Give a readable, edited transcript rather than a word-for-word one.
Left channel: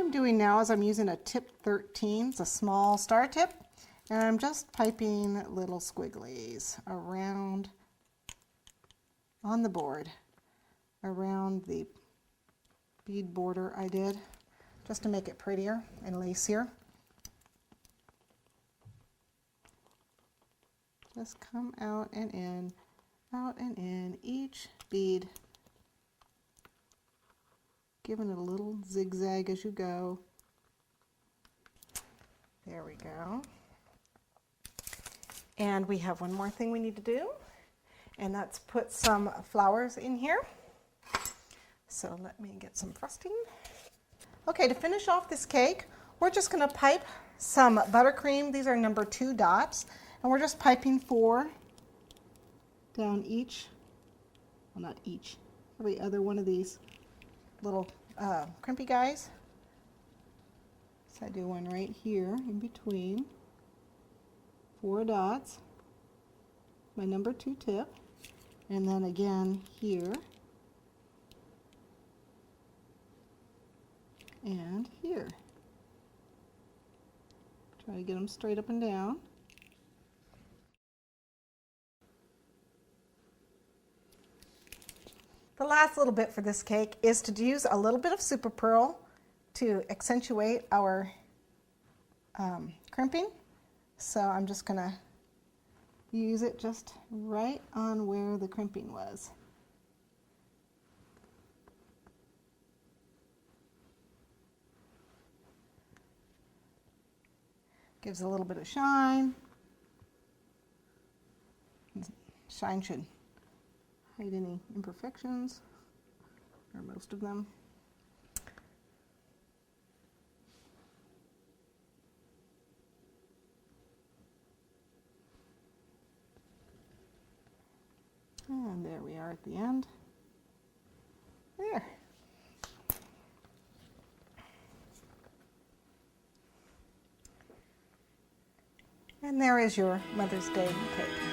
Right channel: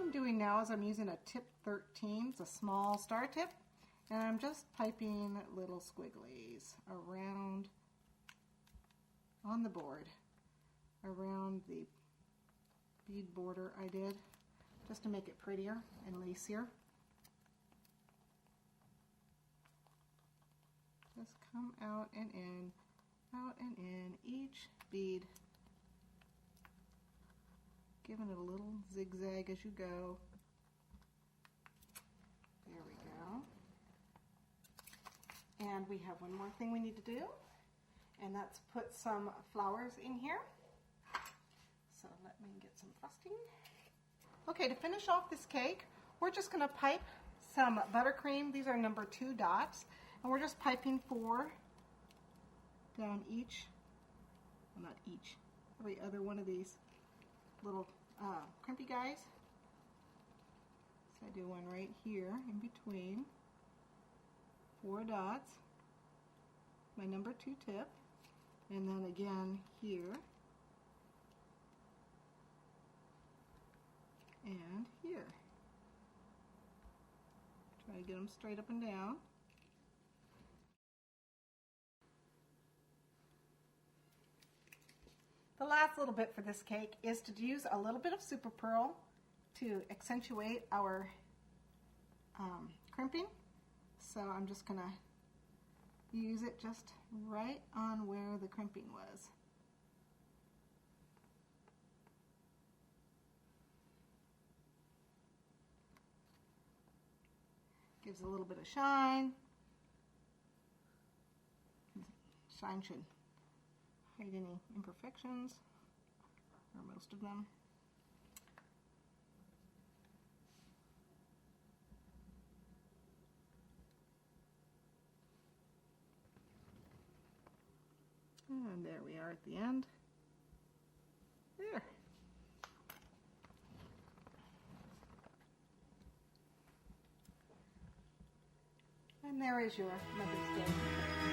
I'm doing now is I'm using a tip 13, it's a small star tip, and I'm just piping little squigglies around on the board, around the bead border I did, just to make it prettier and lacier. Just come out and in each bead, giving it a little zigzag as you go. There we go. And we have one more thing we need to do, and that's put some flowers in here. So let me get some frosting. Okay, to finish off this cake, we're just going to pipe some buttercream. These are number 2 dots, and we're just piping 4 down each, well, not each, every other one of these little crimpy guys. So I do one right here in between, 4 dots, my number 2 tip, and then again here and here. Try to get them straight up and down. The last little bit for this cake is to use a little bit of super pearl to accentuate our crimping. So I'm just going to use it just right on where the crimping was. Gives a little bit of shine. Shine should hide any imperfections, or most of them. And there we are at the end. There. And there is your Mother's Day cake.